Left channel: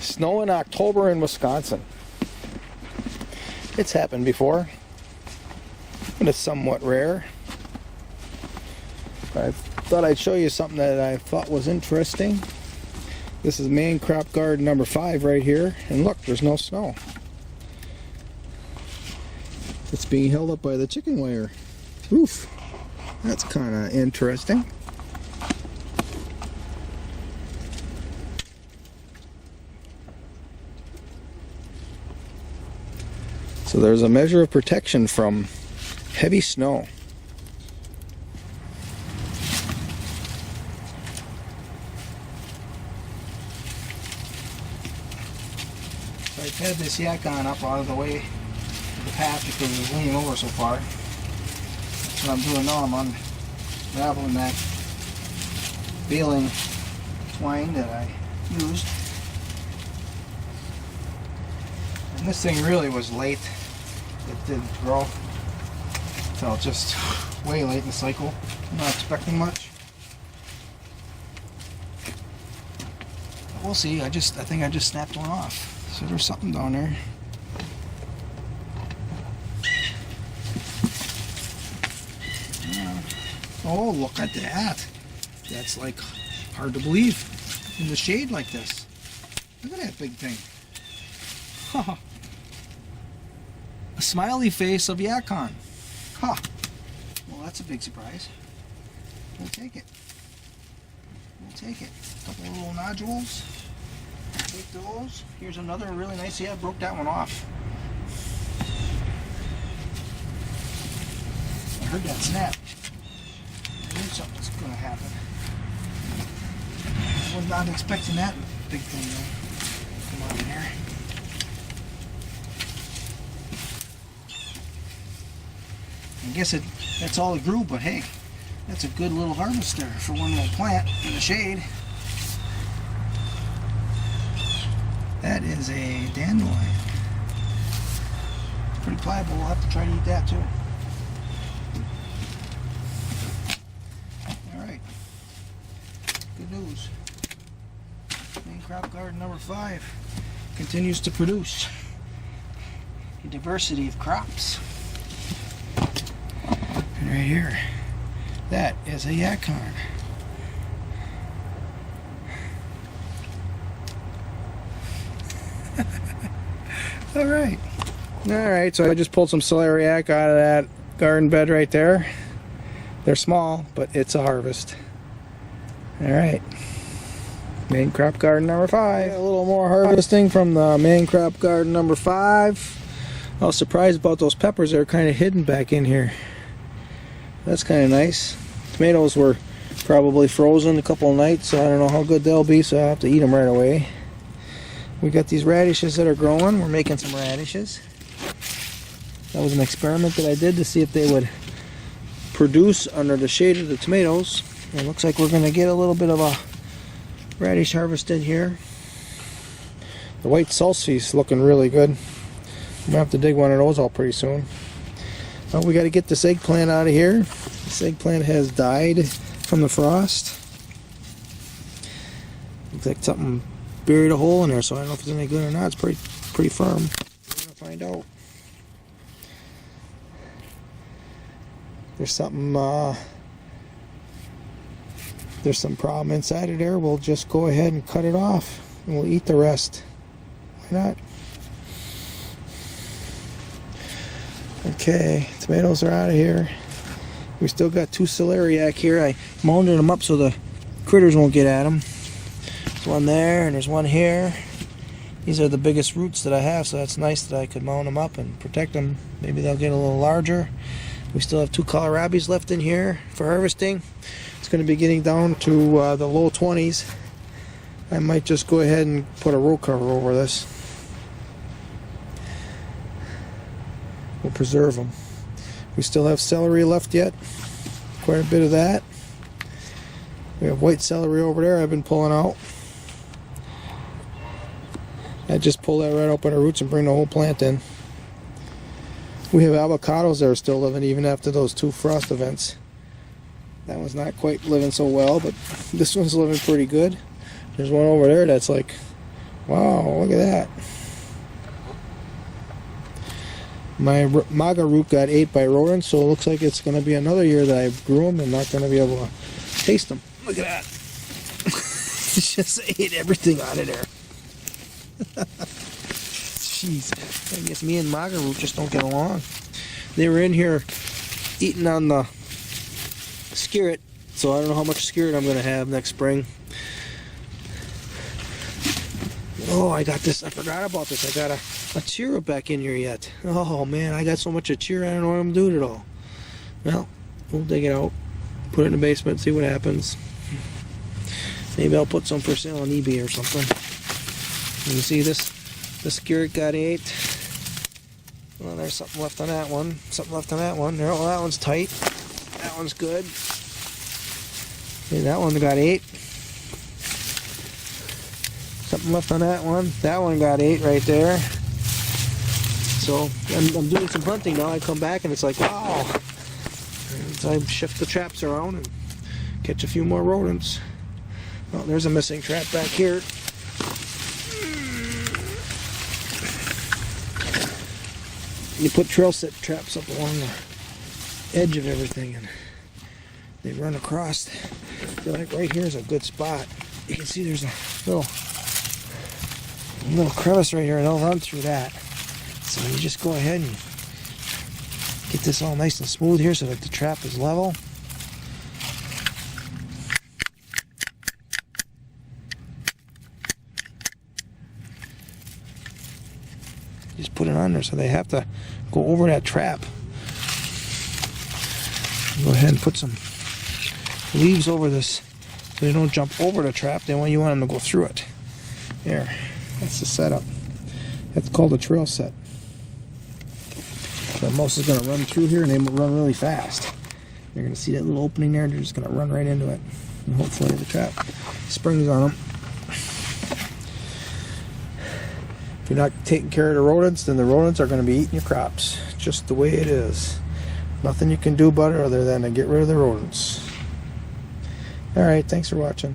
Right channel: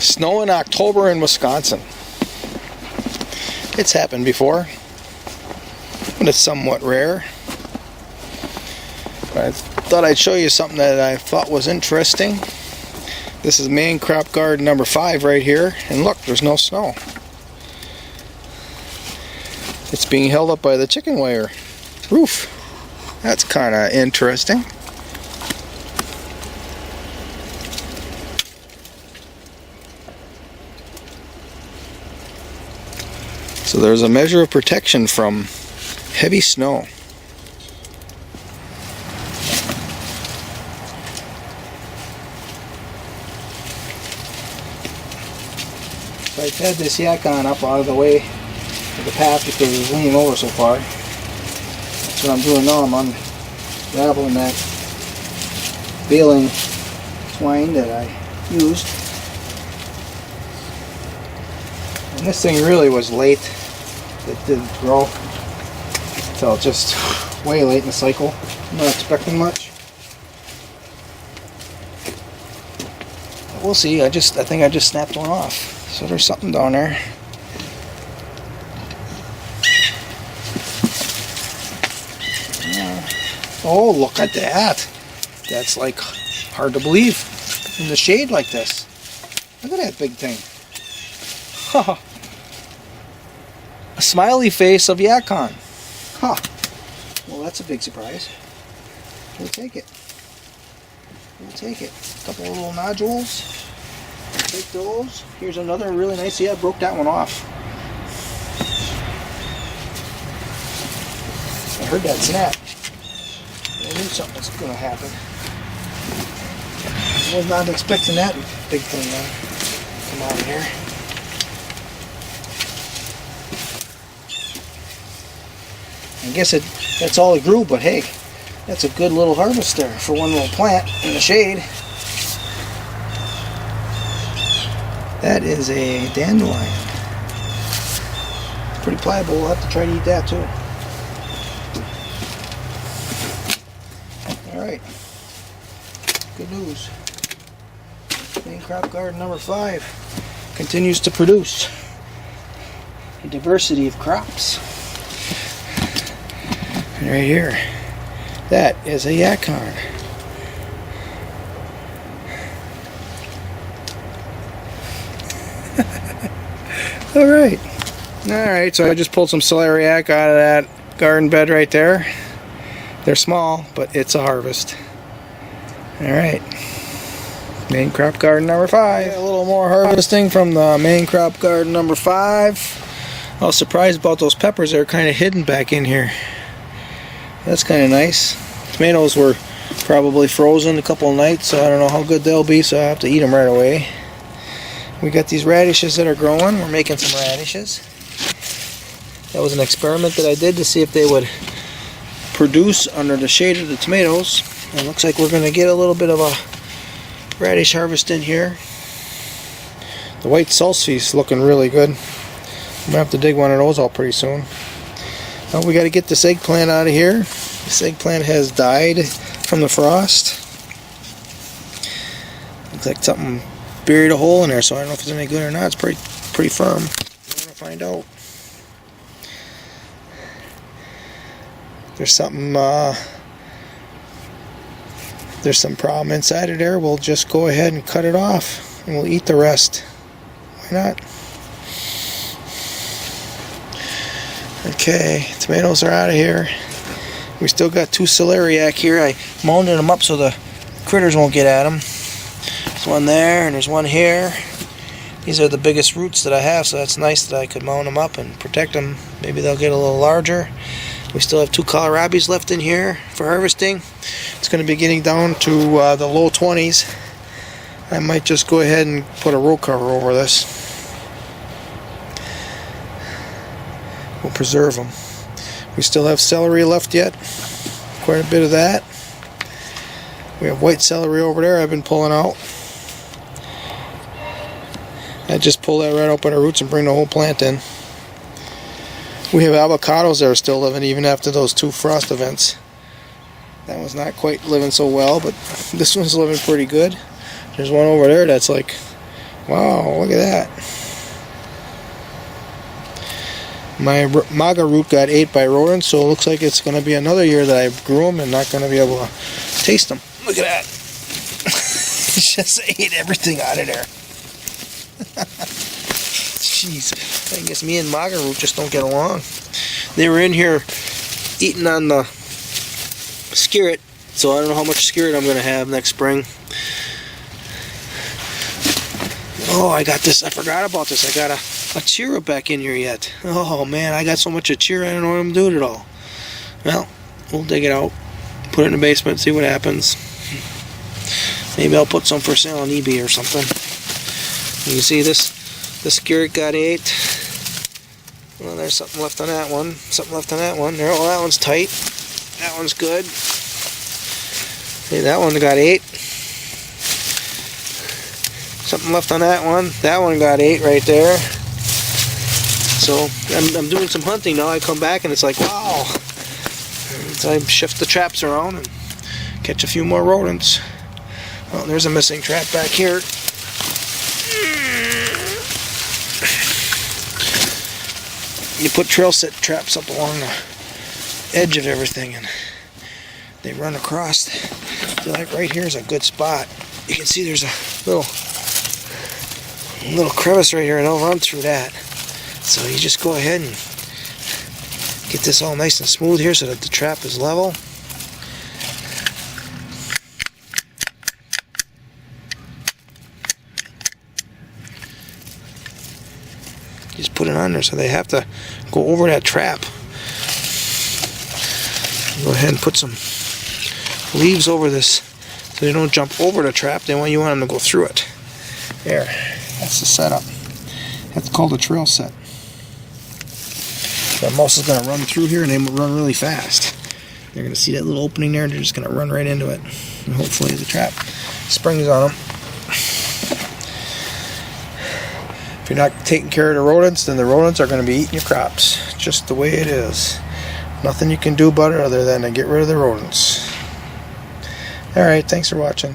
Snow in October in Wisconsin. It's happened before, but it's somewhat rare. But I thought I'd show you something that I thought was interesting. This is main crop garden number 5 right here, and look, there's no snow. It's being held up by the chicken wire roof. That's kind of interesting. So there's a measure of protection from heavy snow. So I've had this yacon up out of the way of the path because it was leaning over so far. That's what I'm doing now. I'm unraveling that baling twine that I used. And this thing really was late. It didn't grow until just way late in the cycle. I'm not expecting much. But we'll see. I think I just snapped one off. So there's something down there. Oh, look at that. That's like hard to believe in the shade like this. Look at that big thing. A smiley face of yacon. Huh. Well, that's a big surprise. We'll take it. We'll take it. A couple of little nodules. Take those. Here's another really nice. See, I broke that one off. I heard that snap. I knew something was going to happen. I was not expecting that big thing to come out of here. I guess that's all it grew, but hey, that's a good little harvester for one little plant in the shade. That is a dandelion. Pretty pliable. We'll have to try to eat that too. Alright. Good news. Main crop garden number 5 continues to produce a diversity of crops. And right here, that is a yacon. Alright, so I just pulled some celeriac out of that garden bed right there. They're small, but it's a harvest. Alright, main crop garden number 5. A little more harvesting from the main crop garden number 5. I was surprised about those peppers. They're kind of hidden back in here. That's kind of nice. Tomatoes were probably frozen a couple of nights, so I don't know how good they'll be, so I have to eat them right away. We got these radishes that are growing. We're making some radishes. That was an experiment that I did to see if they would produce under the shade of the tomatoes. It looks like we're going to get a little bit of a radish harvest in here. The white salsify's looking really good. I'm going to have to dig one of those out pretty soon. Well, we got to get this eggplant out of here. This eggplant has died from the frost. Looks like something buried a hole in there, so I don't know if it's any good or not. It's pretty firm. I'm gonna find out. There's something. There's some problem inside of there. We'll just go ahead and cut it off, and we'll eat the rest. Why not? Okay, tomatoes are out of here. We still got 2 celeriac here. I mounded them up so the critters won't get at them. There's one there, and there's one here. These are the biggest roots that I have, so that's nice that I could mound them up and protect them. Maybe they'll get a little larger. We still have 2 kohlrabis left in here for harvesting. It's going to be getting down to the low 20s. I might just go ahead and put a row cover over this. We'll preserve them. We still have celery left yet. Quite a bit of that. We have white celery over there I've been pulling out. I just pull that right up by the roots and bring the whole plant in. We have avocados that are still living even after those 2 frost events. That one's not quite living so well, but this one's living pretty good. There's one over there that's like Wow, look at that. My maga root got ate by rodents, so it looks like it's going to be another year that I grew them and not going to be able to taste them. Look at that. It just ate everything out of there. Jeez, I guess me and maga root just don't get along. They were in here eating on the skirret, so I don't know how much skirret I'm going to have next spring. Oh, I got this. I forgot about this. I got a Achira back in here yet. Oh man, I got so much Achira, I don't know what I'm doing at all. Well, we'll dig it out, put it in the basement, see what happens. Maybe I'll put some for sale on eBay or something. You see this skirret got ate. Well, there's something left on that one. Something left on that one. Oh, that one's tight. That one's good. See, that one got ate. Something left on that one. That one got ate right there. So I'm doing some hunting now. I come back and it's like, wow. So I shift the traps around and catch a few more rodents. Oh, there's a missing trap back here. You put trail set traps up along the edge of everything and they run across. So like right here is a good spot. You can see there's a little crevice right here and I'll run through that. So you just go ahead and get this all nice and smooth here so that the trap is level. Just put it on there so they have to go over that trap. Go ahead and put some leaves over this so they don't jump over the trap. They want them to go through it. There, that's the setup. That's called a trail set. The mouse is going to run through here and they run really fast. They're going to see that little opening there and they're just going to run right into it. And hopefully the trap springs on them. If you're not taking care of the rodents, then the rodents are going to be eating your crops. Just the way it is. Nothing you can do about it other than to get rid of the rodents. Alright, thanks for watching.